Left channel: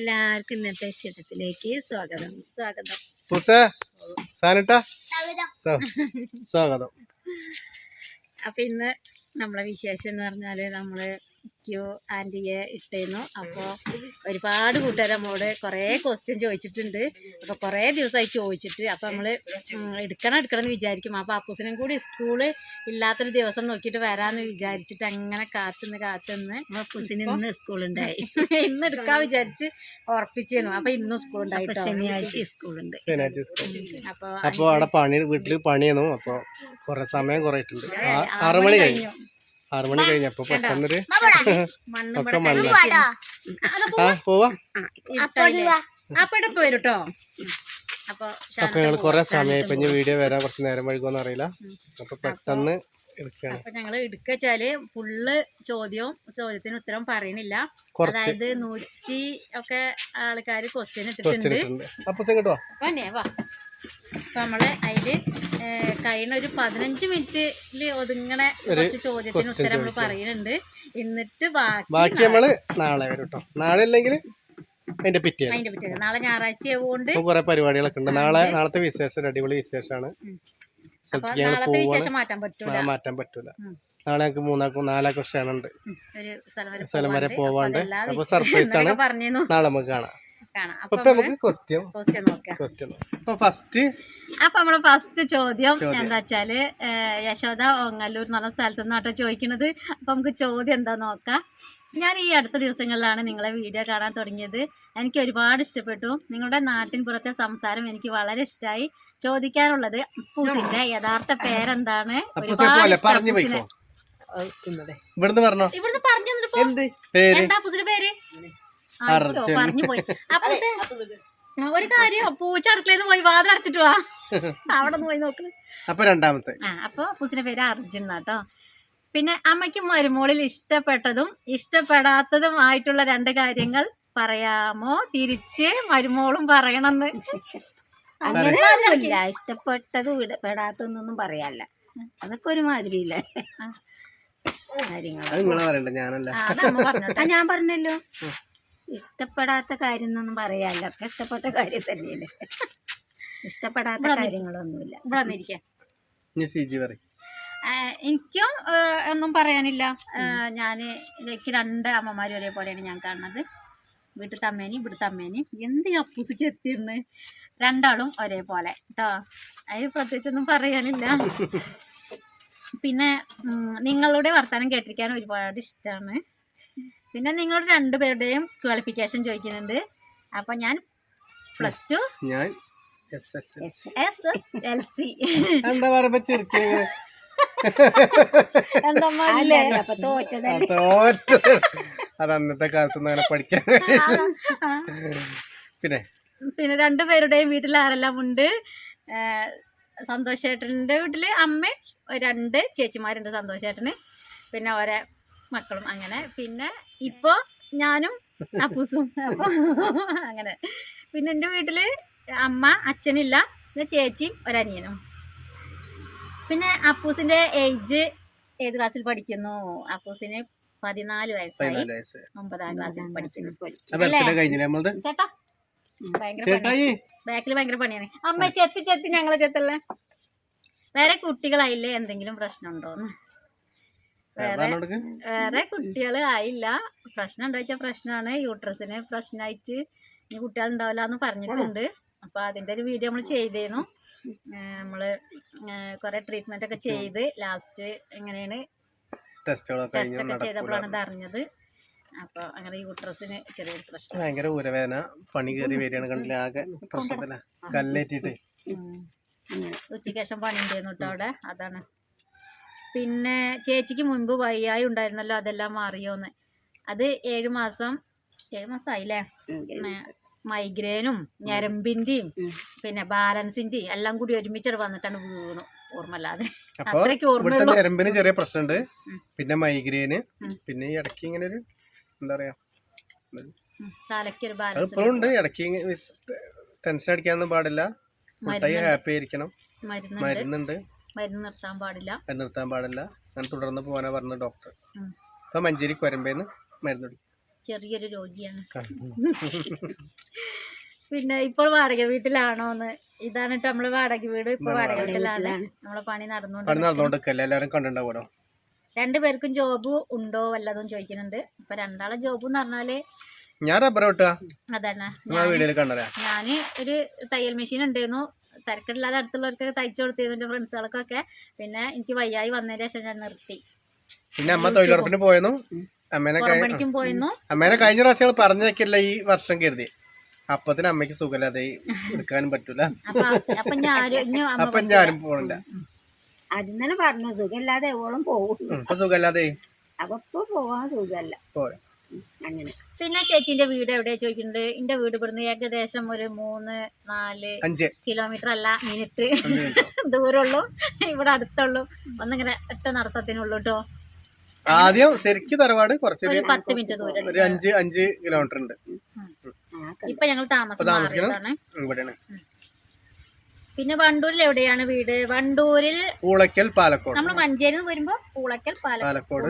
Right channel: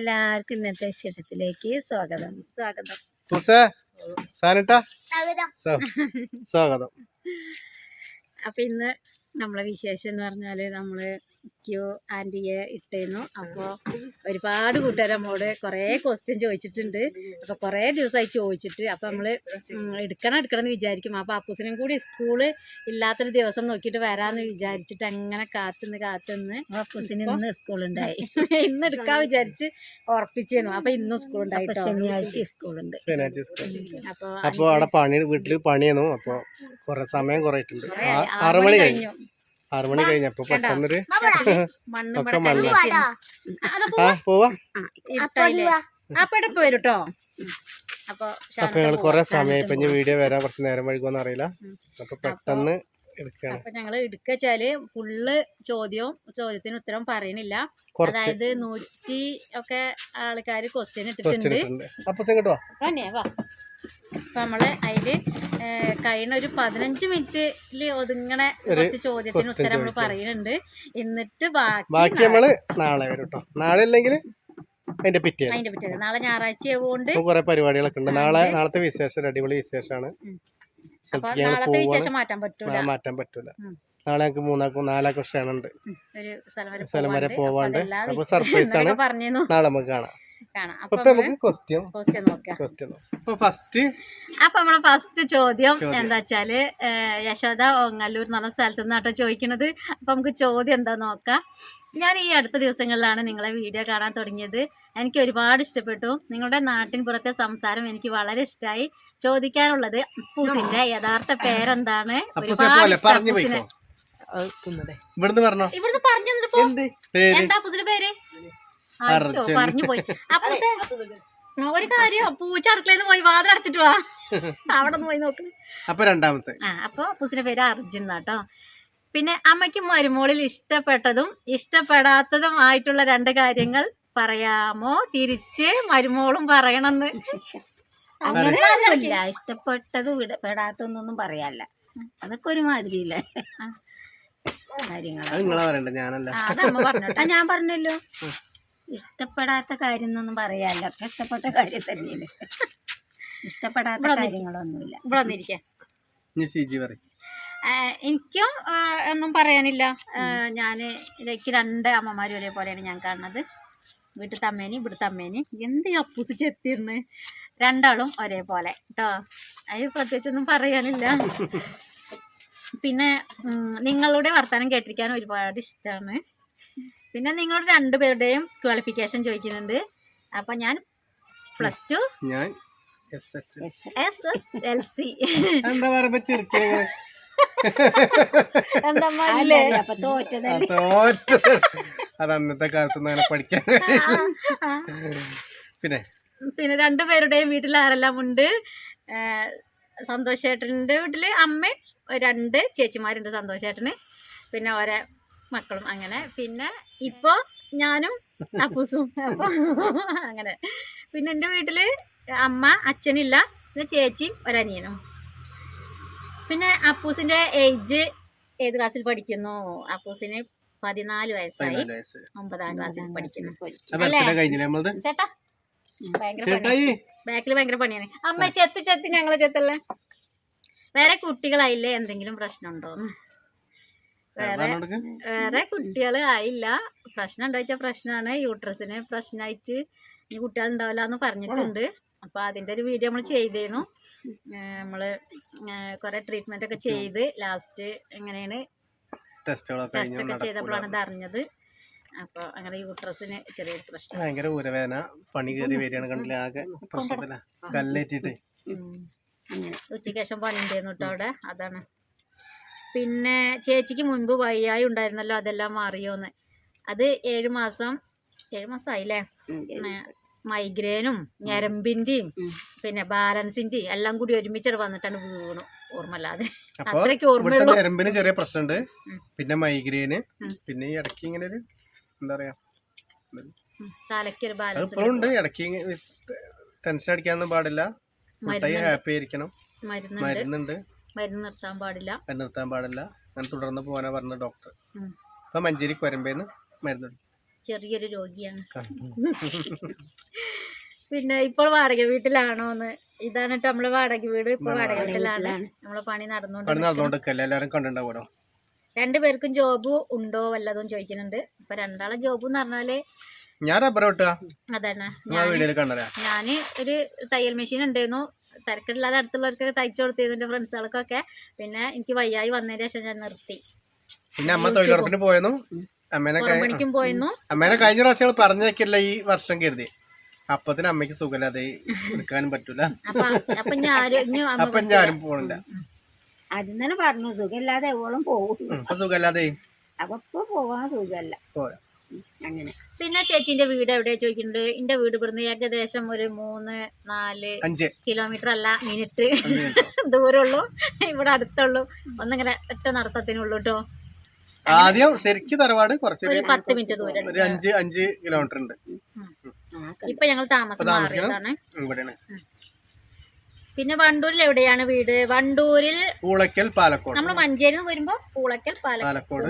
എല്ലാവർക്കും ഇന്നത്തെ വിശേഷത്തിലേക്ക് സ്വാഗതം. അപ്പൊ ഇന്ന് നമ്മളെ വിശേഷം എന്ന് പറഞ്ഞാല് നമ്മള് ക്യൂ ആൻറ്റിയെ ഇട്ടേന്നു. അപ്പോൾ ഒരുപാട് കൂട്ടുകാർ നമ്മോട് കുറേ ക്വസ്റ്റ്യൻ ചോദിച്ചിട്ടുണ്ട്. അപ്പോൾ കുറേ ദിവസമായി ചോദിച്ചിട്ട് അപ്പോൾ നമ്മൾ എടുക്കണം എന്ന് വിചാരിക്കും. അപ്പോൾ അപ്പൂസിനും കൂടി സ്കൂള് ഇല്ലാത്തൊരു ദിവസം നോക്കിയിട്ട് വരാമെന്ന് വിചാരിച്ചിട്ട് അങ്ങനെ കാത്തുനിന്ന് അപ്പൂസിന് ഇന്ന് സ്കൂളുണ്ടായി. ഇന്ന് എടുക്കാൻ വിചാരിച്ച് ഉറപ്പിച്ചിരുന്നു. അപ്പോൾ ഇന്നും സ്കൂളുണ്ടായിട്ടോ. ശനിയാഴ്ച സ്കൂളുണ്ട്. അപ്പോൾ അവിടെ പണി വീട്ടിൽ പണിയെന്നു. അപ്പോൾ കുറെ സമയം കുറയിട്ടുണ്ട്. 6 മണി കഴിഞ്ഞു. 6 മണി കഴിഞ്ഞപ്പോ പെട്ടെന്നൊരു ഒക്കെ മണ്ണ് പോവാ. അപ്പൊ വരൂട്ടോ. അപ്പൊ ഞങ്ങള് കൊറേ സമയം ഇപ്പൊ വീഡിയോ വരാൻ കുറച്ച് നേരം വൈകുമെന്ന് അറിയില്ല. അപ്പൊ പെട്ടെന്ന് എടുക്കണം. അപ്പൊ ഞങ്ങള് എടുക്കച്ചാല് ഫുള്ള് ചോദ്യത്തിന് ഉത്തരം പറയണില്ല. അതായത് 100 ഒക്കെ ആൾക്കാര് ക്വസ്റ്റ്യൻ ഇട്ടിട്ടുണ്ട്. അപ്പൊ വാ. അപ്പൊ നമ്മള് അതില് കഴിഞ്ഞ ഒരു 15 മിനിറ്റില് ഒതുങ്ങണ കുറച്ച് ചോദ്യത്തിന് ഉത്തരം നമ്മള് പറയുന്നുണ്ട്. എന്നിട്ട് ബാക്കി നമ്മള് നാളെ വരും കേട്ടോ. നാളെ അല്ലെങ്കിൽ അതിന്റെ പിറ്റേ നാളെ ഞായറാഴ്ച ആയതുകൊണ്ട് കുറെ പരിപാടികളൊക്കെ ഉണ്ട്. നാളത്തെ വിശേഷം അടിപൊളി വിശേഷമാണ്. നാളത്തെ വിശേഷം മാറ്റാൻ പറ്റൂല. നാളെ ഞങ്ങൾക്ക് 4 ക്ഷണുണ്ട്. ഒരു സ്ഥലം വരെ പോവാണ്ട്. അപ്പൊ സർപ്രൈസ് ആണ്. നാളെ നമുക്ക് കാണാം. ഫസ്റ്റ് ചോദ്യം എന്താ വെച്ചാല് യശോദ ഓങ്ങല്ലൂർ എന്ന് പറഞ്ഞ സ്ഥലത്ത് നിന്നാട്ടോ ചോദിക്കണത്. അപ്പൊ നമുക്ക് ചോദ്യം എന്താ നോക്കാം. ഞാൻ ഈ അടുത്ത ദിവസങ്ങളിലാണ് നിങ്ങളെ വീഡിയോ കാണാൻ തുടങ്ങിയത്. എനിക്ക് ഒരുപാട് ഇഷ്ടപ്പെട്ടു. നിങ്ങളുടെ നാട്ടിൻ പുറത്തെ സംസാരം എനിക്ക് വളരെ ഇഷ്ടമായി. ചോദിക്കാനുള്ളത് അപ്പൂസിന്റെ യഥാർത്ഥ പേരെന്താണ്? ഇവിടുന്ന് പറഞ്ഞു എന്താ അപ്പൂസിന്റെ പേര്? പറഞ്ഞു പോയി. ഒരു കാര്യം പൂച്ച അടുക്കളയിൽ പോയി വാതിൽ അടച്ചിട്ട് വാ. അവിടെ പോയി നോക്ക്. അപ്പൊ രണ്ടാമത്തെ അപ്പൊ അപ്പൂസിന്റെ പേര് അർജുൻ എന്നാട്ടോ. പിന്നെ അമ്മയ്ക്കും മരുമോളിൽ ഇഷ്ടപ്പെട്ടതും ഇഷ്ടപ്പെടാത്തതുമായിട്ടുള്ള 2 കാര്യങ്ങൾ പറയാമോ? തിരിച്ച് മരുമോളും പറയണമെന്ന്. അങ്ങനെയൊന്നുമില്ല. ഇഷ്ടപ്പെട്ടതും പെടാത്തതൊന്നും പറയാല്ല. അതൊക്കെ ഒരുമാതിരിയില്ലേ കാര്യങ്ങളാണ്. ഞാൻ പറഞ്ഞല്ലോ. ഇഷ്ടപ്പെടാത്ത കാര്യം എന്നൊന്നും പറയാല്ല. ഒക്കെ ഇഷ്ടപ്പെട്ട കാര്യം തന്നെയല്ലേ. ഇഷ്ടപ്പെടാത്ത കാര്യങ്ങളൊന്നുമില്ല. എനിക്കും ഒന്നും പറയാനില്ല. എനിക്ക് 2 അമ്മമാരും ഒരേപോലെയാണ് ഞാൻ കാണുന്നത്. വീട്ടിലത്തെ അമ്മേനി ഇവിടുത്തെ അമ്മേനി. എന്ത് അപ്പൂസ് ചെത്തിരുന്ന് 2 ഒരേപോലെ കേട്ടോ. അതിന് പ്രത്യേകിച്ചൊന്നും പറയാനില്ല. പിന്നെ നിങ്ങളുടെ വർത്തമാനം കേട്ടിരിക്കാൻ ഒരുപാട് ഇഷ്ടമാണ്. പിന്നെ നിങ്ങളുടെ 2 പേരുടെയും ക്വാളിഫിക്കേഷൻ ചോദിക്കുന്നുണ്ട്. അപ്പൊ ഞാൻ +2, ഞാൻ SSLC. എന്താ അത് അന്നത്തെ കാലത്തൊന്നും അങ്ങനെ പഠിക്കാൻ. പിന്നെ 2 പേരുടെയും വീട്ടിൽ ആരെല്ലാം ഉണ്ട്? സന്തോഷ് ചേട്ടൻ്റെ വീട്ടില് അമ്മ, 2 ചേച്ചിമാരുണ്ട് സന്തോഷ് ചേട്ടന്. പിന്നെ ഓരോ മക്കളും അങ്ങനെ. പിന്നെ ഇപ്പൊ ഞാനും അപ്പൂസും. അപ്പൊ അങ്ങനെ. പിന്നെ എൻ്റെ വീട്ടില് അമ്മ, അച്ഛനില്ല. പിന്നെ ചേച്ചിയും ഒരനിയനും. പിന്നെ അപ്പൂസിന്റെ ഏജ് ഏത് ക്ലാസ്സിൽ പഠിക്കുന്നു? അപ്പൂസിന് 14 വയസ്സായി. 9ാം ക്ലാസ്സിൽ പഠിക്കുന്നു. ചേട്ടാ ബാക്കിൽ ഭയങ്കര പണിയാണ്. അമ്മ ചെത്തി ഞങ്ങളെ ചെത്തല്ലേ. വേറെ കുട്ടികളായില്ലേ? എന്തെങ്കിലും പ്രശ്നമുണ്ടോന്ന്? വേറെ കുട്ടികൾ ആയില്ല. പ്രശ്നം ഉണ്ടോ വെച്ചാൽ പ്രശ്നമാണ്. യൂട്രസിന് പ്രശ്നമായിട്ട് ഇനി കുട്ടികൾ ഉണ്ടാവില്ല എന്ന് പറഞ്ഞിട്ടുണ്ട്. അപ്പൊ അതിന്റെ ഒരു വീഡിയോ നമ്മൾ ചെയ്തിരുന്നു. നമ്മള് കുറെ ട്രീറ്റ്മെന്റ് ഒക്കെ ചെയ്ത് ലാസ്റ്റ് എങ്ങനെയാണ് ടെസ്റ്റ് ഒക്കെ ചെയ്തപ്പോഴാണ് ഇത് അറിഞ്ഞത്. അപ്പൊ അങ്ങനെ യൂട്രസിന് ചെറിയൊരു പ്രശ്നം. ഭയങ്കര ഊരവേദന, പണി കയറി വരികയാണ്. കണ്ടില്ല, ആകെ പ്രശ്നത്തില കല്ലേറ്റിട്ട്. ഉച്ചയ്ക്ക് ശേഷം പണി ഉണ്ടായിരുന്നു കേട്ടോ അവിടെ. അതാണ്. പിന്നെ ചേച്ചിക്ക് മുൻപ് വയ്യായി ഉണ്ടായിരുന്നല്ലോ, അതെല്ലാം മാറിയോന്ന്? അത് 7 മാസമായില്ലേ. മൈഗ്രെയിനും ഞരമ്പിന്റെയും പിന്നെ ബാലൻസിന്റെയും എല്ലാം കൂടി ഒരുമിച്ച് വന്നിട്ടാണ് വീണു. ഓർമ്മല്ലാതെ അത്രയ്ക്ക് ഓർമ്മ. ഞരമ്പിന് ചെറിയ പ്രശ്നമുണ്ട്. പിന്നെ മൈഗ്രെയിന്. പിന്നെ ഈ ഇടയ്ക്ക് ഇങ്ങനെ ഒരു എന്താ പറയാ, തലയ്ക്കൊരു ബാലൻസ് ഉണ്ട്. ഇടയ്ക്ക് ടെൻഷൻ അടിക്കാനൊന്നും പാടില്ല. ഹാപ്പി ആയിരിക്കണം. മരുന്നുണ്ട്. മരുന്ന് നിർത്താൻ പാടില്ല. അങ്ങനെ തുടർന്ന് പോകാനാ പറഞ്ഞ ഡോക്ടർ. ഇപ്പൊ മഞ്ചേരി കൊരമ്പേന്ന് മരുന്ന്. ചെറിയൊരു രോഗിയാണ്. പിന്നെ ഇപ്പോൾ വാടക വീട്ടിലാണോന്ന്, ഇതാണ് ട്ടോ നമ്മള് വാടക വീട്. ഇപ്പൊ വാടക വീട്ടിലാണ്, നമ്മളെ പണി നടന്നുകൊണ്ടിരിക്കുന്നത്. എല്ലാരും കണ്ടിട്ടുണ്ടാവോ? രണ്ടുപേർക്കും ജോബ് ഉണ്ടോ വല്ലതും ചോദിക്കുന്നുണ്ട്. ഇപ്പൊ രണ്ടാളെ ജോബ് എന്ന് പറഞ്ഞാല് ഞാൻ റബ്ബർ വെട്ടുക. അതാണ്, ഞാന് ഒരു തയ്യൽ മെഷീൻ ഉണ്ടായിരുന്നു, തിരക്കില്ലാതെ അടുത്തുള്ളവർക്കൊക്കെ തയ്ച്ചു കൊടുത്തിരുന്നു ഫ്രണ്ട്സുകൾക്കൊക്കെ. പിന്നെ എനിക്ക് വയ്യായി വന്നതിന് ശേഷം ഞാൻ നിർത്തി. പിന്നെ അമ്മ തൊഴിലുറപ്പിന് പോയെന്നു, പണിക്കും പോയിരുന്നു. അമ്മേനെ കഴിഞ്ഞ പ്രാവശ്യം പറഞ്ഞേക്കില്ല ഈ വർഷം കരുതി. അപ്പത്തിന് അമ്മയ്ക്ക് സുഖമില്ലാതെ എടുക്കാനും പറ്റൂല. അപ്പൊ ഞാനും പോണില്ല. ആദ്യം തന്നെ പറഞ്ഞു സുഖമില്ലാതെ എവോളം പോകും. ഇപ്പൊ സുഖമില്ലാതെ അപ്പൊ ഇപ്പൊ പോവാൻ സുഖമല്ല. അങ്ങനെ പിന്നെ ചേച്ചിന്റെ വീട് എവിടെയാ ചോദിക്കുന്നുണ്ട്. എന്റെ വീട് ഇവിടുന്ന് ഏകദേശം ഒരു 3-4 കിലോമീറ്റർ അല്ല, മിനിറ്റ് ദൂരമുള്ളൂ. ഇവിടെ അടുത്തുള്ളൂ, ഒന്നിങ്ങനെ ഒറ്റ നടത്തത്തിനുള്ളൂ കേട്ടോ. ആദ്യം ശരിക്കും തറവാട് കുറച്ച് 10 മിനിറ്റ് ദൂരം, ഒരു 5 കിലോമീറ്റർ ഉണ്ട്. ഇപ്പൊ ഞങ്ങൾ താമസിക്കുന്നത് ഇവിടെയാണ്. പിന്നെ വണ്ടൂരിൽ എവിടെയാണ് വീട്? വണ്ടൂരിൽ പൂളക്കൽ, പാലക്കോട്. നമ്മള് മഞ്ചേരിന്ന് വരുമ്പോ പൂളക്കൽ, പാലക്കോട്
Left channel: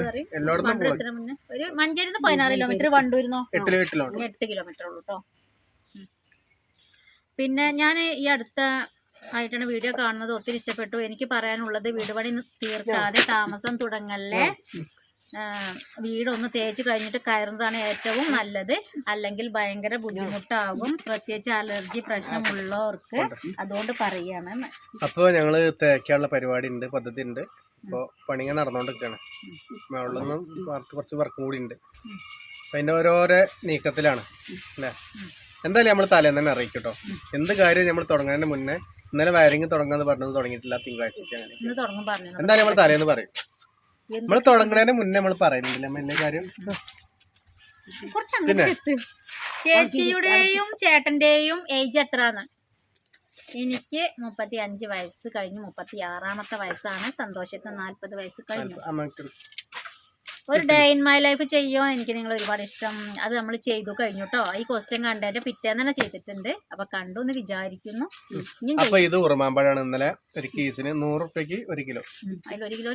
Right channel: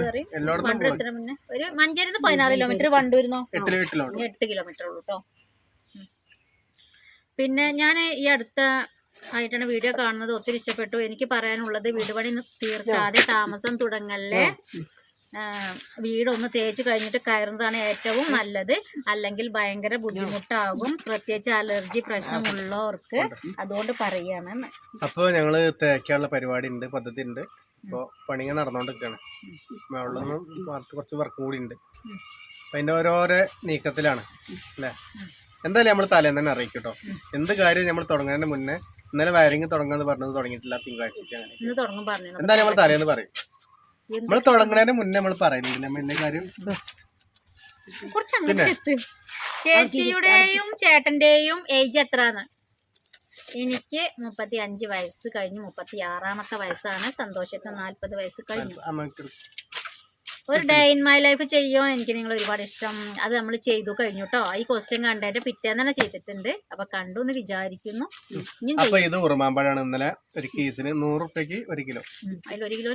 മുന്നേ ഒരു മഞ്ചേരിന്ന് 16 കിലോമീറ്റർ, വണ്ടൂരിന്നോ 8 കിലോമീറ്റർ ഉള്ളൂ കേട്ടോ. പിന്നെ ഞാൻ ഈ അടുത്ത ആയിട്ടാണ് വീഡിയോ കാണുന്നത്, ഒത്തിരി ഇഷ്ടപ്പെട്ടു. എനിക്ക് പറയാനുള്ളത്, വീട് പണി തീർക്കാതെ താമസം തുടങ്ങല്ലേ. വീടൊന്ന് തേച്ച് കഴിഞ്ഞിട്ട് കയറുന്നതാണ് ഏറ്റവും നല്ലത്, അല്ലെങ്കിൽ ഭയങ്കര ബുദ്ധിമുട്ടാകും, പ്രത്യേകിച്ച് അലർജി പ്രശ്നമുള്ളവർക്ക്. അതുകൊണ്ട് പറയാണ്. അപ്പോൾ ഞങ്ങള് തേക്കാനുള്ള പരിപാടി ഉണ്ട്, പദ്ധതി ഉണ്ട്. ഇപ്പോൾ പണികൾ നടന്നുകൊണ്ടിരിക്കുകയാണ്. മുകളിലൊന്നും കുറച്ച് വർക്കും കൂടി ഉണ്ട്. അതിൻ്റെ ഓരോരോ നീക്കത്തിലാണ് അല്ലേ. എന്തായാലും നമ്മൾ തലേന്ന് തന്നെ അറിയിക്കും കേട്ടോ. എന്ത് കാര്യം നമ്മൾ തുടങ്ങുന്നതിന് മുന്നേ, ഇന്നലെ വയറിങ് തുടങ്ങാന്ന് പറഞ്ഞത് തുടങ്ങിയിട്ടില്ല, തിങ്കളാഴ്ചക്ക് അങ്ങനെ എന്തായാലും നമ്മൾ തലേന്ന് പറയും. നമ്മൾ തുടങ്ങുന്നതിന് മുന്നേ നമ്മൾ പറയുന്നുണ്ട് എല്ലാ കാര്യം. പിന്നെ ചേച്ചിയുടെയും ചേട്ടന്റെയും ഏജ് എത്രയാണ്? എനിക്ക് 35 വയസ്സ് കഴിഞ്ഞു, 36ാമത്തെ വയസ്സാണ്. സന്തോഷത്തിന് 40 വയസ്സ് കഴിഞ്ഞു. ഒരു ഡേ ഇൻ മൈ ലൈഫ് ചെയ്യോ എനിക്ക് നിങ്ങൾ ഒരുപാട് ഇഷ്ടം. അത് നമ്മൾ ചെയ്തു കഴിഞ്ഞു കേട്ടോ. ഈ ക്വസ്റ്റ്യൻ കണ്ടതിന്റെ പിറ്റേന്ന് തന്നെ ചെയ്തിട്ടുണ്ട്. അപ്പൊ കണ്ടു എന്ന് വിചാരിക്കുന്നു. ഇത് ഉറുമാമ്പഴാണ്. ഇന്നലെ ഒരു കേസിന് 100 രൂപയ്ക്ക് 1 കിലോ. അതിൽ 1 കിലോ.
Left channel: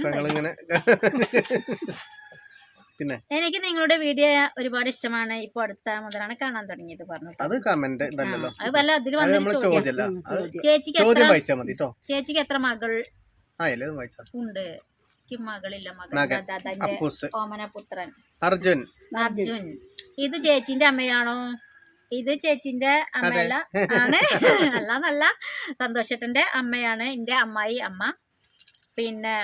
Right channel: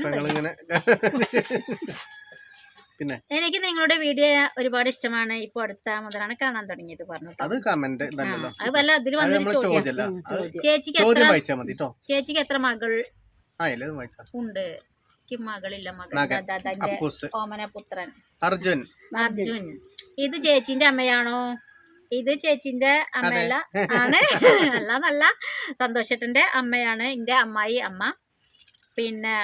പിന്നെ എനിക്ക് നിങ്ങളുടെ വീഡിയോ ഒരുപാട് ഇഷ്ടമാണ്. ഇപ്പൊ അടുത്ത മുതലാണ് കാണാൻ തുടങ്ങിയത് പറഞ്ഞു. അത് കമന്റ് അത് വല്ല അതിൽ ചേച്ചിക്ക് എത്ര മകൾ ഉണ്ട്? മകളില്ല, മകൻ ഓമനപുത്രൻ അർജുൻ. ഇത് ചേച്ചിന്റെ അമ്മയാണോ? ഇത് ചേച്ചിന്റെ അമ്മയല്ല, ആണ് അല്ല സന്തോഷേട്ടന്റെ അമ്മയാണ്, എന്റെ അമ്മായി അമ്മ. പിന്നെ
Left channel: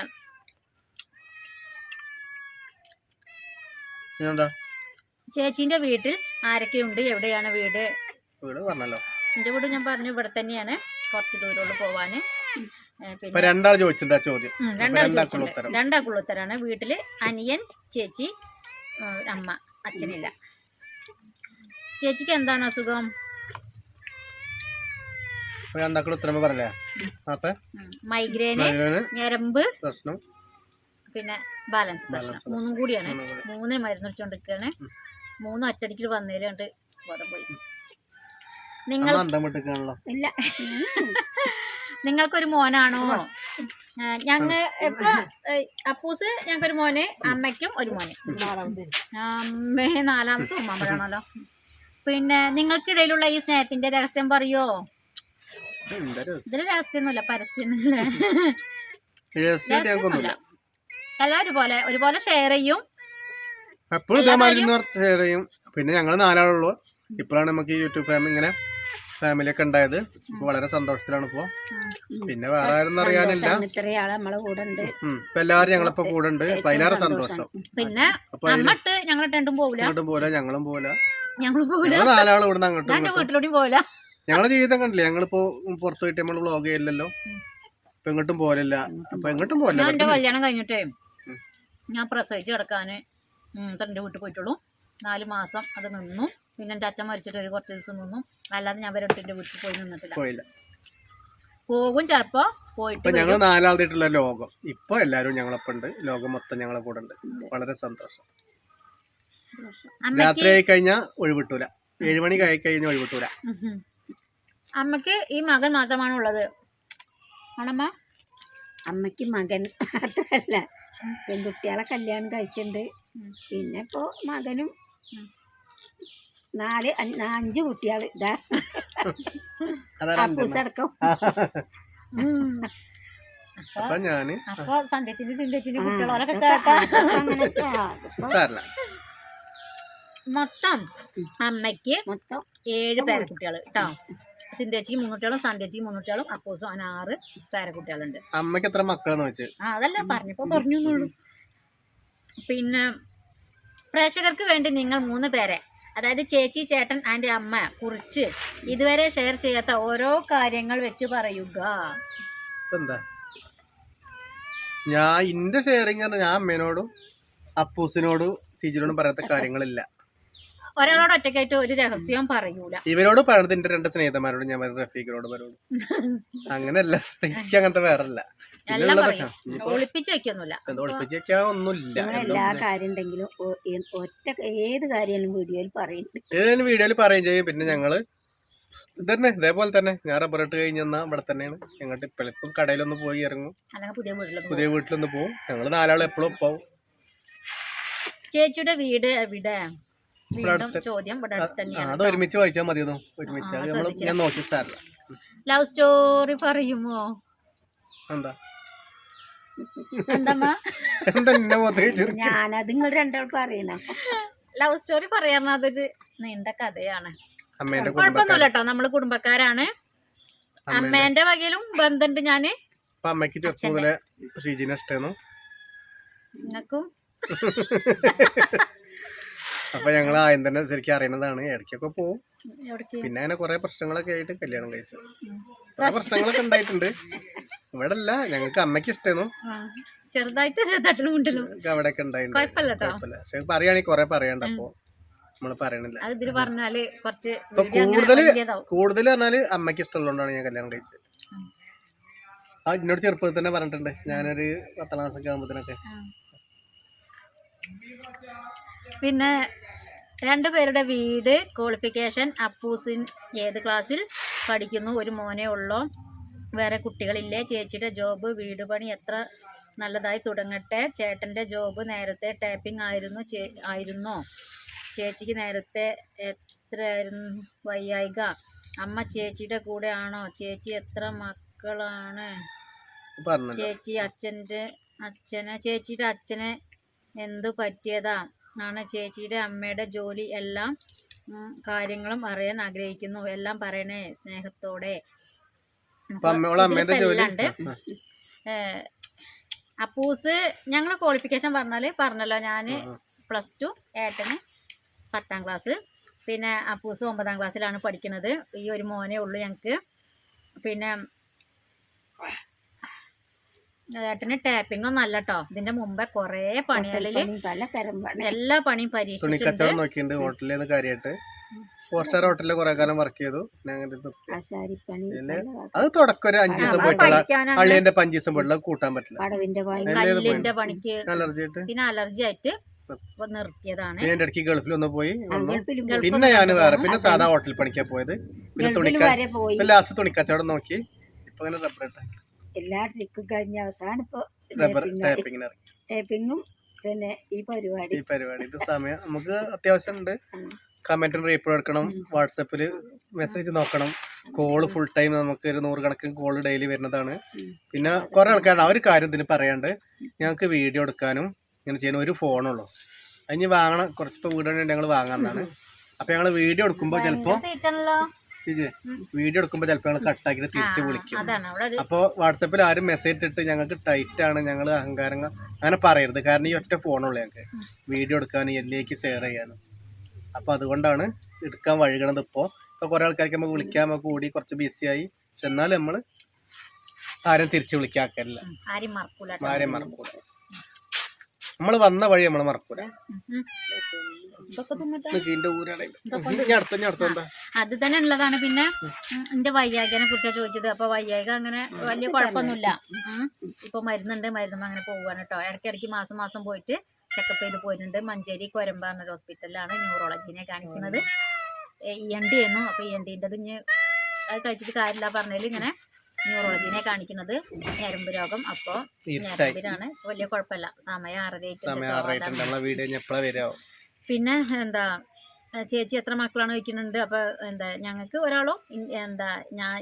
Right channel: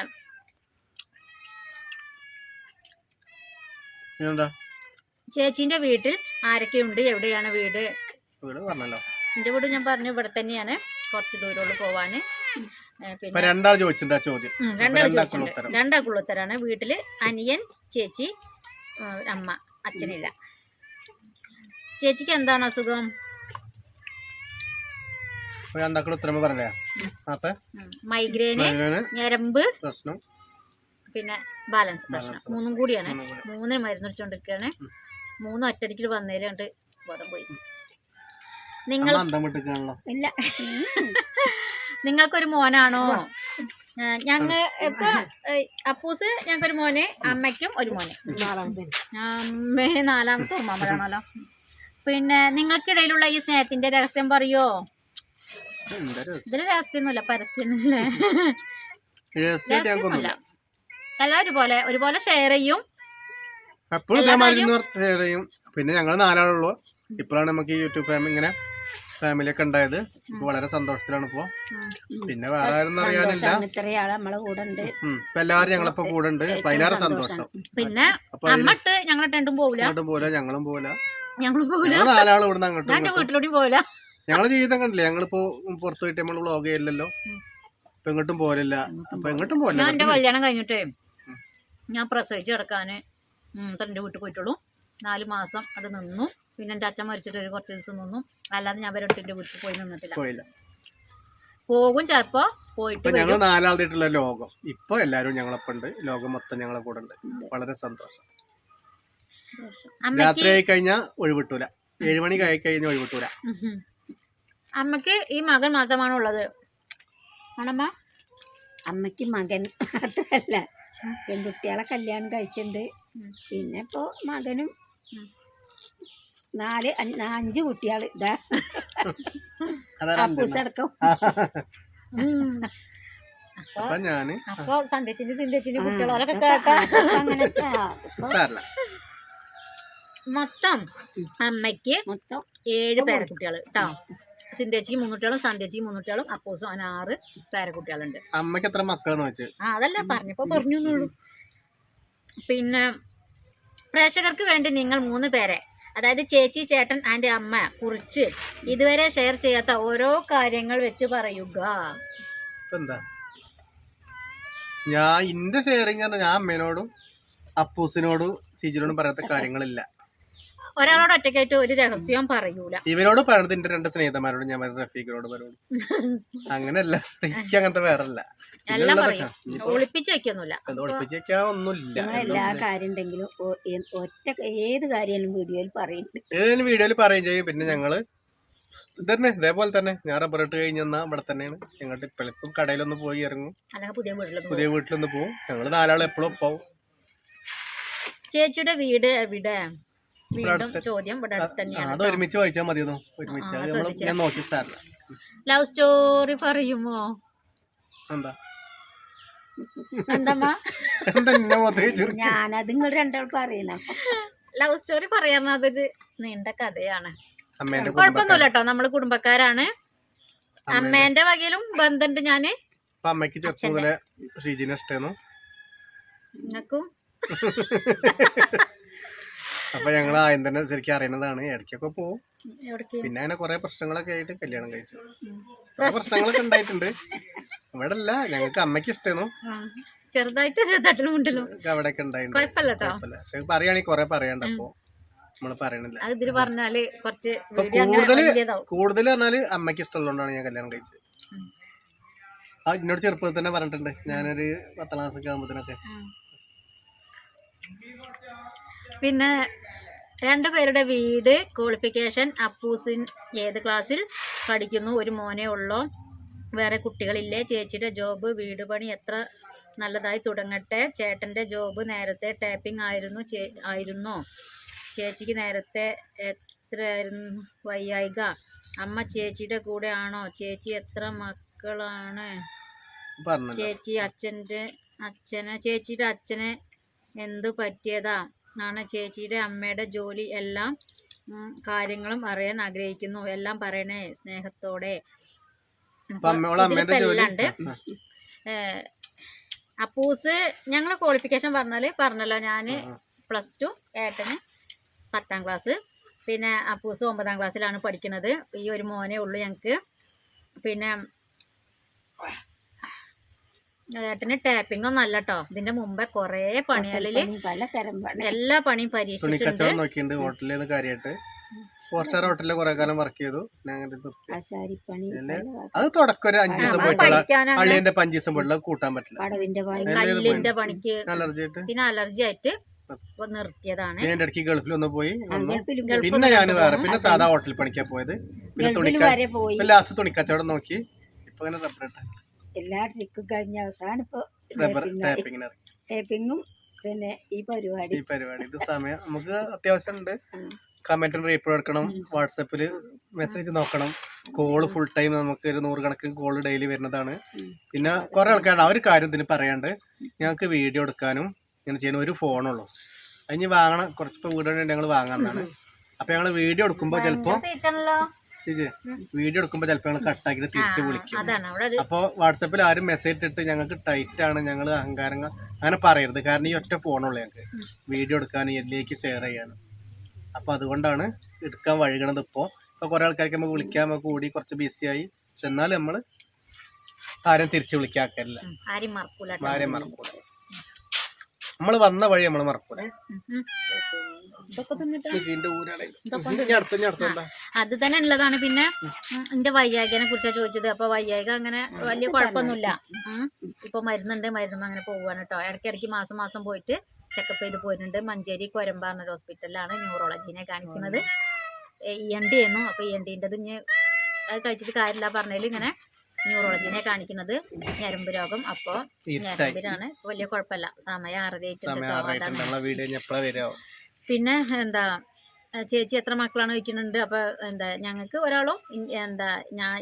ചേച്ചിന്റെ വീട്ടിൽ ആരൊക്കെയുണ്ട്? എവിടെയാണ് വീട്? എന്റെ വീട് ഞാൻ പറഞ്ഞു ഇവിടെ തന്നെയാണ്, കുറച്ച് ദൂരമുള്ളൂ പോവാന്. പിന്നെ രണ്ടാൾക്കുള്ള ഉത്തരാണ്. വീട്ടില് അനിയൻ, ചേച്ചി, അമ്മ, അച്ഛനില്ല. ചേച്ചിക്ക് എന്താണ് അസുഖം? മൈഗ്രെയിന്, ഞരമ്പ് പ്രശ്നം, പിന്നെ ബാലൻസ് പ്രശ്നം. 3 കൂടിയാണ്. 3 മരുന്ന് വെച്ചോണ്ടിരിക്കുകയാണ്. 3 ഒറ്റടിക്ക് വന്നതിലുണ്ട് ബോധം പോയി. നിങ്ങൾക്കൊരു മോനാണോ? ഞങ്ങൾ ഇപ്പൊ അപ്പൂസ് ഞങ്ങൾക്കൊരു മോന്, അമ്മയ്ക്കും ഒരു മോന്. അമ്മ 4ാമത്തെ ഉമ്മാമ്പഴാണല്ലോ. പിന്നെ നിങ്ങൾക്കിടയിലുള്ള ഈ സ്നേഹത്തിന്റെ രഹസ്യം പറയോ? ഇതില് രഹസ്യമൊന്നുമില്ല, പരസ്യമൊന്നുമില്ല. എല്ലാവരും ഒരുപോലെ ഷെയർ ചെയ്യും. പിന്നെ ഞങ്ങൾ 4 ഇപ്പോഴാണ് നമുക്ക് യൂട്യൂബ് ഫാമിലി ഒക്കെ ഉണ്ടായത്. ഇപ്പൊ വളരെ സന്തോഷത്തിലാണ് ഇപ്പൊ. പിന്നെ വേറെ ആരും അറിയാനില്ല. ഇപ്പൊ എല്ലാരും ഞങ്ങളിപ്പോ കൂടെ ഉണ്ട്. അതിലേറെ സന്തോഷം. പിന്നെ ഞങ്ങളും പോല ഞങ്ങൾ 4 ഇവിടുന്ന് അങ്ങോട്ടും പോല. ഞങ്ങളെ ജീവിതം കണ്ടില്ലേ. ഞങ്ങളിപ്പോ പുറത്തു പോയിട്ട് നമ്മള് വ്ളോഗ് ചെയ്യില്ലല്ലോ. ഇപ്പൊ എങ്ങോട്ടും പോലില്ല. അപ്പൊ എങ്ങോട്ടും പോലില്ല. എന്റെ കല്യാണം കഴിഞ്ഞിട്ടേ ഞാൻ പ്രസവിച്ച് കിടക്കാന് എന്റെ വീട്ടിൽ പോയിട്ടുള്ളൂ. 4 മാസം അത് നിന്നു. പിന്നെ എന്റെ അച്ഛൻ മരിച്ചിട്ട് കുറച്ച് ദിവസം നിന്നു. അല്ലാതെ ഞാൻ എന്റെ വീട്ടിൽ പോയി നിന്നിട്ടില്ല. പോകും ചിലപ്പോ പോയിട്ട്. ഞങ്ങൾ 4 ലോകം ഇപ്പൊ എല്ലാരും ഞങ്ങളൊപ്പം ഉണ്ട്. ലോകം മൊത്തം ഞങ്ങളെ കൂടെ ഉണ്ട്. വളരെ സന്തോഷം. രാത്രി ആയി കഴിഞ്ഞാ ഒഴിവിട്ടൂല. 7 മണി കഴിഞ്ഞ ഒഴിവിട്ടൂല. അമ്മക്ക് ഈ മകൻ മാത്രമാണ് ഉള്ളത്. ആണമ്മ? അമ്മക്ക് മകൻ മാത്രല്ല, പെൺകുട്ടികളെ കല്യാണം കഴിച്ചിട്ടുണ്ട്. പിന്നെ ഇപ്പോ മകനും അഞ്ച് കുട്ടികൾ ഇതാ അതാണ് അപ്പൂസടക്കം. അപ്പൊ ഞാന് അപ്പൊ സന്ധ്യച്ചിന്റെ ചിന്തച്ചിന്റെ കുട്ടികളൊക്കെ കേട്ടാ അങ്ങനത്തെ സാരല്ല. മൊത്തം അമ്മയ്ക്ക് മൊത്തം 7 പേരക്കുട്ടികൾ കേട്ടോ. സിന്ധ്യച്ചിക്ക് 3 കുട്ടികളും സന്ധ്യച്ചിക്ക് 3 കുട്ടികളും അപ്പൂസും അങ്ങനെ 6 പേരക്കുട്ടികളുണ്ട്. അമ്മക്ക് എത്ര മക്കളെന്ന് വെച്ച്? അതല്ല പറഞ്ഞപ്പോ പറഞ്ഞു. പിന്നെ പ്രേക്ഷകർക്ക് വേണ്ടി നിങ്ങൾ 3 പേരെ, അതായത് ചേച്ചി, ചേട്ടൻ ആൻഡ് അമ്മ കുറിച്ച് ഇതുവരെ ഷെയർ ചെയ്യാത്ത ഓരോ കാര്യങ്ങൾ വെച്ച് പറയുക. എന്താ ഞാൻ ഇന്റെ ഷെയറിങ് പറഞ്ഞാൽ ഞാൻ അമ്മേനോടും അപ്പൂസിനോടും സിജിനോടും പറയാത്ത കാര്യങ്ങളില്ല. ഒരാളോട് ഒറ്റയ്ക്കായിട്ട് ഒരു രഹസ്യവും പറയൂല. ഇവരോട് പറയണത് എന്റെ 2 സ്നേഹിതന്മാരോട് ഞാൻ പറയും, റഫീഖിനോട് പറയും. അങ്ങനെയല്ല, എനിക്ക് അങ്ങനത്തെ വേറല്ല. ഒളിപ്പിച്ച് വെക്കൊന്നുമില്ല. ഒളിപ്പിച്ച് വെക്കാൻ ഒന്നുമില്ല. എല്ലാ കാര്യം ഉണ്ടെങ്കിലും ഒറ്റ ഏത് കാര്യമായാലും വീഡിയോയിൽ പറയുന്നുണ്ട്. ഏതെങ്കിലും വീഡിയോയിൽ പറയുകയും ചെയ്യും. പിന്നെ ഞങ്ങള് ഇതന്നെ ഇതേപോലെ തന്നെ ഞാൻ റബ്ബറിട്ട് കഴിഞ്ഞാൽ ഇവിടെ തന്നെയാണ്. ഞങ്ങളുടെ ഇപ്പം കടയിലൊന്ന് പോയി ഇറങ്ങും, പുതിയ വീട്ടിലൊന്ന് പോകും. ഞങ്ങള് 4 ആൾ എപ്പോഴും പോവും. ചേച്ചിയുടെ വീട് എവിടെ? ചോദ്യം ഇവിടെ അടുത്ത് തന്നെയാണ്. അത് ഒരുമിച്ച് വായിച്ചാൽ മതിയെന്നോ, ഒരുമിച്ച് ഞാൻ നോക്കി സാറില്ല. ലവ് സ്റ്റോറി പറയുമോ? എന്താ എന്താ ഞാനത് നിങ്ങൾ രണ്ടാൾക്കും അറിയണം. ലവ് സ്റ്റോറി പറയാൻ അതൊരു നീണ്ട കഥയാണ്. കുഴപ്പമൊന്നുമില്ല കേട്ടോ, നമ്മള് കുടുംബക്കാരാണ്. അമ്മേന്റെ വകയിലും ബന്ധമുണ്ട്. ഞാന് അമ്മക്ക് ചെറുപ്പം മുതലേ ഷീജിനെ ഇഷ്ടമായിരുന്നു. നിങ്ങൾക്കും അപ്പൊ ഞങ്ങൾ ആദ്യം തന്നെ ശരിക്കും അറിയുന്നതാണ്. ഇടയ്ക്കൊക്കെ പോവും. പിന്നെ അങ്ങനെ കുറെ പ്രശ്നങ്ങളൊക്കെ ആയിട്ട് കല്യാണം കഴിച്ചു. കുറെ പ്രശ്നങ്ങളൊക്കെ ഉണ്ടായിട്ടുണ്ട്. ഇവിടെ അല്ല, ഞങ്ങൾക്ക് അമ്മയ്ക്ക് ഇഷ്ടമായിരുന്നു. ചെറുതായിട്ട് അവിടെയൊക്കെ ഉണ്ടായിട്ടുണ്ട്. പക്ഷെ പറയുകയാണെങ്കിൽ കുറെ പറയാണ്ട്. അപ്പൊ നമ്മള് പറയണില്ല. കൂടുതൽ പറഞ്ഞാല് അമ്മയ്ക്ക് ഇഷ്ടമുള്ളതുകൊണ്ടാണ് ഞാൻ കല്യാണം കഴിച്ചത്. എന്നോട് ചെറുപ്പത്തിൽ തന്നെ പറഞ്ഞിട്ടുണ്ട്. ഞാനൊരു 10ാം ക്ലാസ്സൊക്കെ ആകുമ്പോഴത്തേനൊക്കെ. പിന്നെ 2 പേരുടെ വീട്, ക്വാളിഫിക്കേഷൻ, അപ്പൂസിൻ ഏത് ക്ലാസ്സിൽ പഠിക്കുന്നു, ഒരു മോനെ ഉള്ളോ, വേറെ കുട്ടികളില്ലേ, ചേച്ചിയുടെ ജോബ്, വീട് പണി എത്ര നല്ലതായി തുടങ്ങട്ടെ, ചേട്ടൻ്റെ ജോബ് നേരത്തെ ടാപ്പിംഗ് ആയിരുന്നോ, ചേച്ചിക്ക് നേരത്തെ എത്രയായിരുന്നു വയ്യായിക, അമ്മ ചേച്ചിയുടെ കൂടെ ആണോ, ചേച്ചി എത്ര മക്കളാണ്, ചേച്ചിയുടെ അച്ഛനെ എന്തു പറ്റിയതാ ആണ്, ചേച്ചിയുടെ അമ്മയുടെ ജോലി, എല്ലാം കാര്യങ്ങളും അറിയാൻ ആഗ്രഹിക്കുന്നു. എല്ലാം പറയണേ സ്നേഹത്തോടെ. അപ്പൂസ് ഞങ്ങൾ ക്വാളിഫിക്കേഷൻ പറഞ്ഞല്ലോ. ഞാൻ +2, ഏട്ടന് 10ാം ക്ലാസ്, പിന്നെ അപ്പൂസ് 9ാം ക്ലാസ്സിലാണ് പഠിക്കുന്നത്. ഈ ഒരു മോനെ ഉള്ളൂ ഞങ്ങൾക്ക്. പിന്നെ ഏട്ടന് ടാപ്പിംഗ് ഒന്നും അല്ല കേട്ടോ. ഇതിന്റെ മുമ്പേ കൊറേ പണികളില് എല്ലാ പണിയും പരീക്ഷിച്ചിട്ടുണ്ട്. ഹോട്ടലിൽ കാര്യമായിട്ട് 4 സ്റ്റാർ ഹോട്ടലിൽ കുറെ കാലം വർക്ക് ചെയ്തു. അത് തുടക്കം ഒരു 5 ദിവസം പോയിട്ടുള്ള പള്ളിന്റെ 5 ദിവസം പോയിട്ടുള്ള കൂട്ടാൻ പറ്റില്ല. കല്ലിന്റെ പണിക്ക് പിന്നെ അലർജി ആയിട്ട് നിർത്തിയതാണ്. ഞാൻ ഇടയ്ക്ക് ഗൾഫിൽ ഒന്ന് പോയി. പിന്നെ ഞാൻ വേറെ പിന്നെ സാധാ ഹോട്ടലിൽ പണിക്കാൻ പോയത്. പിന്നെ ലാസ്റ്റ് തുണിക്കച്ചവടം നോക്കി. ഇപ്പൊ അങ്ങനെ റബ്ബർ എല്ലാ ട്രിക്കും കഴിഞ്ഞ അവസാനം ഇപ്പൊ ടേപ്പിങ്ങും പിന്നെ ഈ പരിപാടി ഇത് സമയം നമുക്ക് അത്യാവശ്യം ഉണ്ട്. കമന്റിന് റീപ്ലൈ എടുക്കണം, വാട്സപ്പിൽ മെസ്സേജ് നോക്കണം, കോള് ഫുൾ ടൈം നമുക്ക് ഒരു 100 കണക്കിന് കോള് ഡെയിലി വരുന്നതാണ്. പിന്നെ കുറെ ആൾക്കാരുണ്ട്. ആ ഒരു കാര്യം ഇതിന് പറയാണ്ട്, ഞങ്ങൾക്ക് വീഡിയോ എടുക്കാനും ഇങ്ങനെ ചെയ്യുന്ന ഒരു ഫോണുള്ളൂ. അതിന് വാങ്ങണം. കുറച്ചിപ്പോൾ വീഡിയോ ഞങ്ങൾ വാങ്ങാന്നാണ്. അപ്പൊ ഞങ്ങൾ വീഡിയോ എടുക്കുമ്പോൾ ചിലപ്പോ ഞങ്ങൾ കട്ടാക്കിട്ട് തിരിച്ച് വിളിക്കും. അപ്പോൾ വാട്സപ്പിൽ ആരും മെസ്സേജ് ഇട്ടിട്ട് ഞങ്ങൾക്ക് ടൈറ്റ് ആണ്, ഞങ്ങൾ അഹങ്കാരങ്ങൾ അങ്ങനെ പറയരുത്. കാരണം ഈ ഒറ്റ ഫോണുള്ളൂ ഞങ്ങൾക്ക് വീഡിയോ എടുക്കാനും ഇതിലേക്ക് ഷെയർ ചെയ്യാനും. അപ്പോൾ അതുകൊണ്ടാണ് എടുക്കാൻ വഴുകണത്. ഇപ്പോൾ കുറേ ആൾക്കാർക്ക് നമുക്ക് വിളിക്കാൻ നമുക്ക് കൂടി കുറച്ച് ബിസിയായി. പക്ഷെ എന്നാലും നമ്മൾ ആരും തിരിച്ച് വിളിക്കാക്കല്ല, ആരെയും മറക്കൂല. നമ്മൾ വന്ന വഴി നമ്മൾ മറക്കൂല. അത് തന്നെ ഉള്ളതാണ്. പിന്നെ എന്റെ വയ്യായികനെ കുറിച്ചാണ് ചോദിച്ചത്. അപ്പൊ വയ്യായിക അങ്ങനെ വലിയ കുഴപ്പമൊന്നുമില്ല. ഇപ്പൊ മരുന്നുണ്ട്, മരുന്ന് അങ്ങനെ പോവാണ് കേട്ടോ. ഇടയ്ക്കിടയ്ക്ക് മാസം പോയിട്ട് ചെക്കപ്പ് ചെയ്ത് പോയിട്ടുണ്ട്. മഞ്ചേരി കൊരമ്പാറ ഹോസ്പിറ്റലിലാണ് ന്യൂറോളജീനെ കാണിക്കുന്നത്. ENT ആയിരുന്നു. അപ്പൊ ENTൻ്റെത് ഇനി അത് കഴിച്ചിട്ട് കാര്യമില്ല പറഞ്ഞതിൽ ഇങ്ങനെ ന്യൂറോളജീനെ കാണിക്കുന്നത്, ഞരമ്പ് രോഗം. അപ്പൊ ഞരമ്പിലാണ്, വലിയ കുഴപ്പമില്ല. സമയം 6:30. പിന്നെ എന്താ ചേച്ചി എത്ര മക്കളാണ് ചോദിക്കുന്നുണ്ട്. അപ്പോൾ എന്താ ഞങ്ങൾക്ക് ഒരാളും എന്താ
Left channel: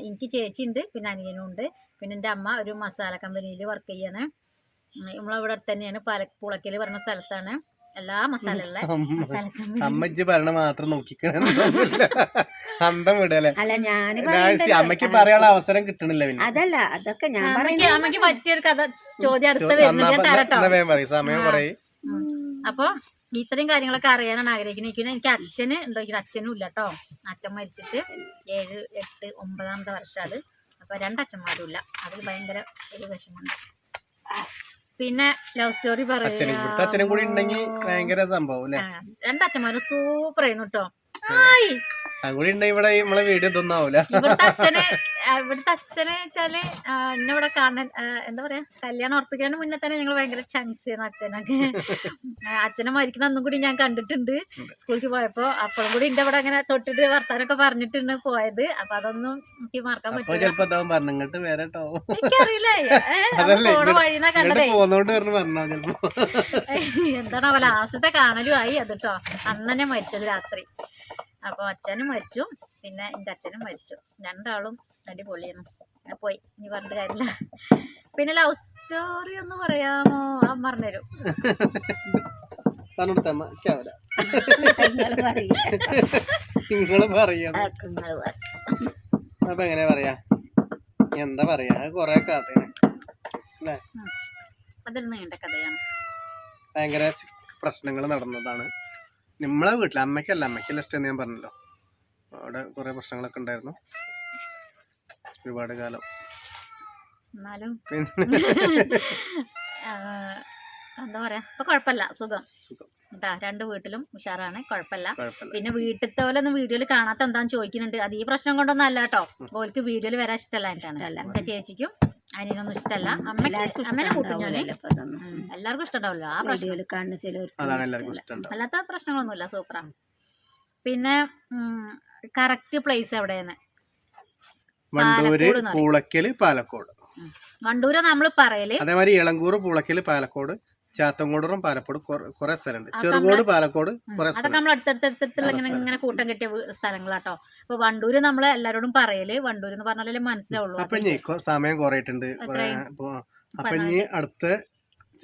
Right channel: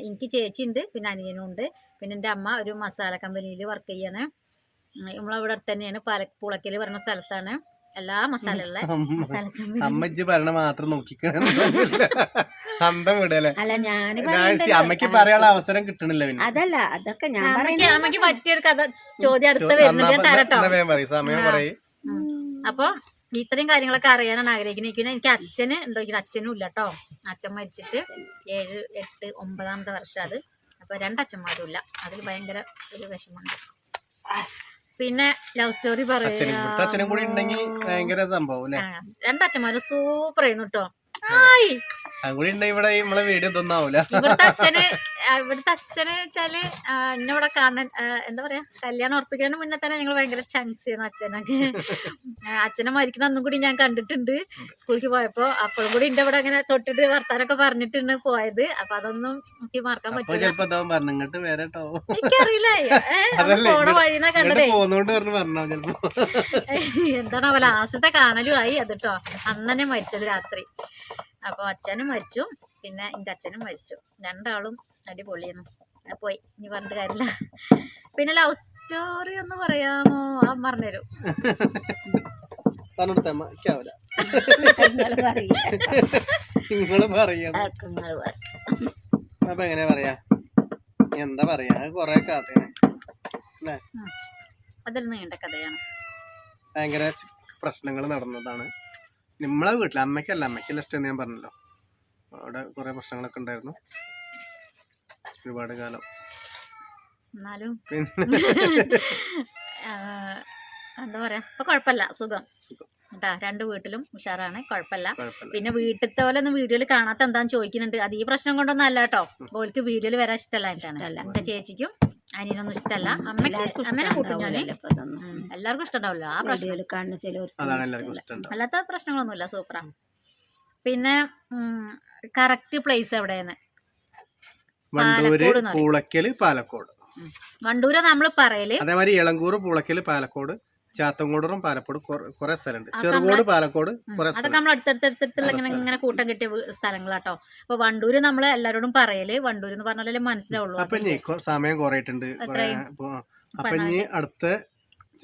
എനിക്ക് ചേച്ചി ഉണ്ട്, പിന്നെ അനിയനും ഉണ്ട്. പിന്നെ എൻ്റെ അമ്മ ഒരു മസാല കമ്പനിയിൽ വർക്ക് ചെയ്യാണ്. നമ്മളവിടെ അടുത്ത് തന്നെയാണ്, പുളക്കൽ പറഞ്ഞ സ്ഥലത്താണ് എല്ലാ മസാലയുള്ള മസാല കമ്പനി. അമ്മച്ചി പറയണ മാത്രം നോക്കിക്കണ അന്തം വിടല്ലേ. അല്ല ഞാൻ അമ്മക്ക് പറയാനുള്ള അവസരം കിട്ടണില്ല. പിന്നെ അതല്ല, അതൊക്കെ ഞാൻ പറയുന്നത് അമ്മക്ക് പറ്റിയൊരു കഥ ചോദ്യം അടുത്ത് വരുന്നുണ്ട് തരട്ടോ. സമയം പറയും. അപ്പൊ ഇത്രയും കാര്യങ്ങളൊക്കെ അറിയാനാണ് ആഗ്രഹിക്കുന്നത്. എനിക്ക് അച്ഛന് ഉണ്ടോ? അച്ഛനും ഇല്ല കേട്ടോ. അച്ഛൻ മരിച്ചിട്ട് 7, 8, 9ാമത്തെ വർഷം അത്. അപ്പൊ 2 അച്ഛന്മാരും ഇല്ല. അതിൽ ഭയങ്കര ഒരു വിഷമമുണ്ട്. പിന്നെ ലവ് സ്റ്റോറി പറയാം. അച്ഛനും കൂടി ഉണ്ടെങ്കിൽ ഭയങ്കര സംഭവം അല്ലേ. 2 അച്ഛന്മാരും സൂപ്പർ ആയിരുന്നു കേട്ടോ. അതുകൂടി ഉണ്ടെങ്കിൽ ഇവിടെ നമ്മളെ വീഡിയോ ഇതൊന്നും ആവൂല. ഇവിടുത്തെ അച്ഛന് വെച്ചാല് എന്നെ ഇവിടെ കാണാൻ എന്താ പറയാ, കല്യാണം ഉറപ്പിക്കുന്നതിന് മുന്നേ തന്നെ ഞങ്ങൾ ഭയങ്കര ചാൻസ് ചെയ്യുന്നു അച്ഛനൊക്കെ. അച്ഛനെ മരിക്കണ ഒന്നും കൂടി ഞാൻ കണ്ടിട്ടുണ്ട് സ്കൂളിൽ പോയപ്പോ. അപ്പോഴും കൂടി എന്റെ ഇവിടെ ഇങ്ങനെ തൊട്ടിട്ട് വർത്താനൊക്കെ പറഞ്ഞിട്ടാണ് പോയത്. അപ്പൊ അതൊന്നും എനിക്ക് മറക്കാൻ പറ്റില്ല. എനിക്കറിയില്ല, പോണ വഴിന്നാ കണ്ടതേ. എന്താണ് ലാസ്റ്റത്തെ കാണലും ആയി അത് കേട്ടോ. അന്നെ മരിച്ചത് രാത്രി. അപ്പോൾ അച്ഛനും മരിച്ചു, പിന്നെ എൻ്റെ അച്ഛനും മരിച്ചു. 2 ആളും അടിപൊളിയാണ്. പോയി, ഇനി പറഞ്ഞിട്ട് കാര്യമില്ല. പിന്നെ ലവ് സ്റ്റോറി ഒന്ന് പറയാമോ? പറഞ്ഞുതരും. അപ്പൊ എങ്ങനെ പറയാ, എന്താ പറയാ, കൊറേ കഥയാണ് അല്ലേ. അതൊരു നീണ്ട കഥയാണ്. ഭയങ്കര പ്രശ്നങ്ങൾ നടന്നതാണ് നമ്മളെ വീട്ടിൽ. അമ്മയ്ക്കല്ല, അമ്മയ്ക്കല്ല ഇഷ്ടം ഞാൻ പറഞ്ഞല്ലോ. അവിടെ കുറെ പ്രശ്നങ്ങളൊക്കെ ഉണ്ടായിരുന്നു ഒരുപാട് കാലം. എന്നാലും എന്താ പറയാ, ഇപ്പൊ കുഴപ്പമില്ല, സുഖം കേട്ടാ. 2 വീട്ടിലും ഉഷാറാണ്, കുഴപ്പമില്ല. പിന്നെ വീട്ടിലത്തെ പോലെ ഒന്നും വീഡിയോയിൽ കാണാത്ത എന്താന്ന് ചോദിക്കുന്നുണ്ട്. അത് ഈ പ്രശ്നം കൊണ്ടൊന്നും അല്ല കേട്ടോ. ഓൾക്ക് വീഡിയോയിൽ വരാൻ ഇഷ്ടമല്ലായിട്ടാണ്. എന്റെ ചേച്ചിക്കും അനിയനൊന്നും ഇഷ്ടമല്ല. എല്ലാവർക്കും ഇഷ്ടമുണ്ടാവില്ല ആ പ്രശ്നം. അല്ലാത്ത പ്രശ്നങ്ങളൊന്നുമില്ല, സൂപ്പറാണ്. പിന്നെ കറക്റ്റ് പ്ലേസ് എവിടെയാണ്? വണ്ടൂര്, പൂളക്കല്, പാലക്കോട്. വണ്ടൂര് നമ്മള് പറയല്. അതേമാതിരി ഇളങ്കൂർ, പൂളക്കല്, പാലക്കോട്, ചാത്തങ്കോടും പാലക്കോട് കുറെ സ്ഥലമുണ്ട്. ചെറുകോട്, പാലക്കോട് കുറെ സ്ഥലം. അതൊക്കെ നമ്മൾ അടുത്തടുത്തുള്ള ഇങ്ങനെ കൂട്ടം കെട്ടിയ സ്ഥലങ്ങളാട്ടോ. അപ്പൊ വണ്ടൂര് നമ്മള് എല്ലാരോടും പറയല്. വണ്ടൂര് എന്ന് പറഞ്ഞാലേ മനസ്സിലാവുള്ളൂ. അപ്പൊ ഇനി സമയം കുറയിട്ടുണ്ട്. അപ്പൊ ഇനി അടുത്ത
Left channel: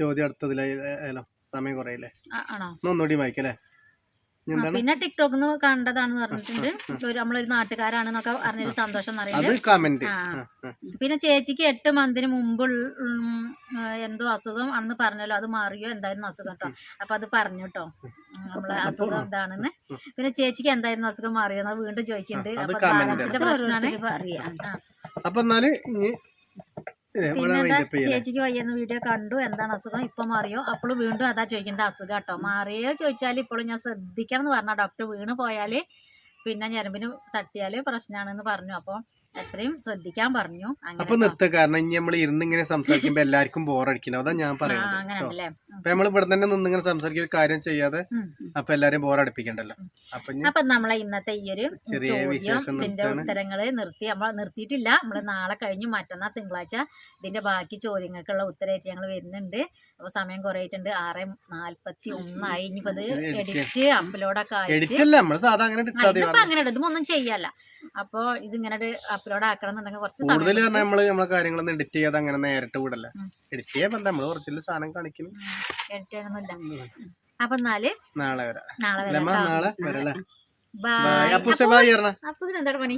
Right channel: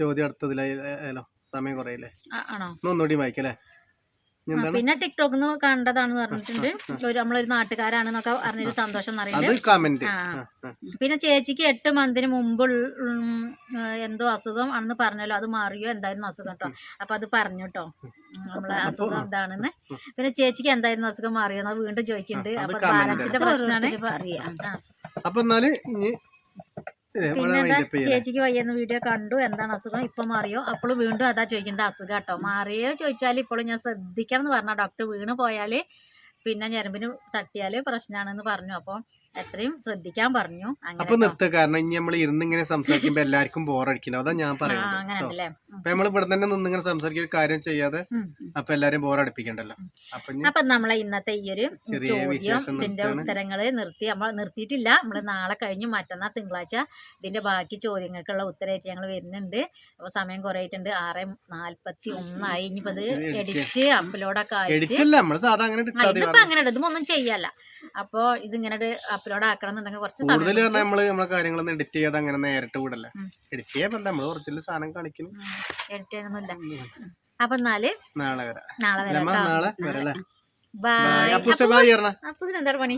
ചോദ്യം അടുത്തതിലോ സമയം കുറയില്ലേ? ആണോ? ഒന്നുകൂടി വായിക്കല്ലേ. പിന്നെ ടിക്ടോക്ക് കണ്ടതാണെന്ന് പറഞ്ഞിട്ടുണ്ട്. നമ്മളൊരു നാട്ടുകാരാണെന്നൊക്കെ അറിഞ്ഞൊരു സന്തോഷം അത് കമന്റ്. പിന്നെ ചേച്ചിക്ക് 8 മന്തിന് മുമ്പ് എന്തോ അസുഖം ആണെന്ന് പറഞ്ഞല്ലോ, അത് മാറിയോ? എന്തായിരുന്നു അസുഖം കേട്ടോ. അപ്പൊ അത് പറഞ്ഞു കേട്ടോ, നമ്മളെ അസുഖം എന്താണെന്ന്. പിന്നെ ചേച്ചിക്ക് എന്തായിരുന്നു അസുഖം മാറിയോ വീണ്ടും ചോദിക്കുന്നുണ്ട്. അപ്പൊ ബാലൻസിന്റെ പ്രശ്നമാണ്. അപ്പൊ എന്നാല് ചേച്ചിക്ക് വയ്യെന്ന് വീഡിയോ കണ്ടു, എന്താണ് അസുഖം, ഇപ്പൊ മാറിയോ? അപ്പോഴും വീണ്ടും അതാ ചോദിക്കുന്നത്, അസുഖം കേട്ടോ. മാറിയോ ചോദിച്ചാൽ ഇപ്പോഴും ഞാൻ ശ്രദ്ധിക്കണം എന്ന് പറഞ്ഞ ഡോക്ടർ. വീണ് പോയാല് പിന്നെ ഞരമ്പിന് തട്ടിയാല് പ്രശ്നമാണെന്ന് പറഞ്ഞു. അപ്പൊ എത്രയും ശ്രദ്ധിക്കാൻ പറഞ്ഞു. അപ്പൊ നിർത്ത, കാരണം ഇനി നമ്മൾ ഇരുന്നിങ്ങനെ സംസാരിക്കുമ്പോ എല്ലാവർക്കും ബോറടിക്കണം. അതാ ഞാൻ പറയുന്നത്. അപ്പൊ നമ്മൾ ഇവിടെ തന്നെ നിന്നിങ്ങനെ സംസാരിക്കുന്ന കാര്യം ചെയ്യാതെ അപ്പൊ എല്ലാരും ബോറടിപ്പിക്കണ്ടല്ലോ. അപ്പൊ നമ്മളെ ഇന്നത്തെ ഈ ഒരു ചോദ്യം, ഇതിന്റെ ഉത്തരങ്ങള് നമ്മൾ നിർത്തിയിട്ടില്ല. നമ്മള് നാളെ കഴിഞ്ഞ് മറ്റന്നാൾ തിങ്കളാഴ്ച ഇതിന്റെ ബാക്കി ചോദ്യങ്ങൾക്കുള്ള ഉത്തരമായിട്ട് ഞങ്ങൾ വരുന്നുണ്ട്. അപ്പൊ സമയം കുറെ ആയിട്ടുണ്ട്. 6:41 ആയി. ഇനിയിപ്പോ ഇത് എഡിറ്റ് അപ്ലോഡൊക്കെ ആയിട്ട് അങ്ങനെ ഇതൊന്നും ചെയ്യല്ല. അപ്പൊ ഇതിങ്ങനെ അപ്ലോഡ് ആക്കണം എന്നുണ്ടെങ്കിൽ കുറച്ച് കൂടുതൽ നമ്മളെ കാര്യങ്ങളൊന്നും എഡിറ്റ് ചെയ്യാതെ അങ്ങനെ നേരിട്ട് വിടല്ല. എഡിറ്റ് ചെയ്യാൻ നമ്മള് കുറച്ചുള്ള സാധനം കാണിക്കുന്നു. എഡിറ്റ് ചെയ്യാനൊന്നുമില്ല. അപ്പൊ നാളെ വരാം. ബൈ. അപ്പൂസിന് എന്താണ് പണി?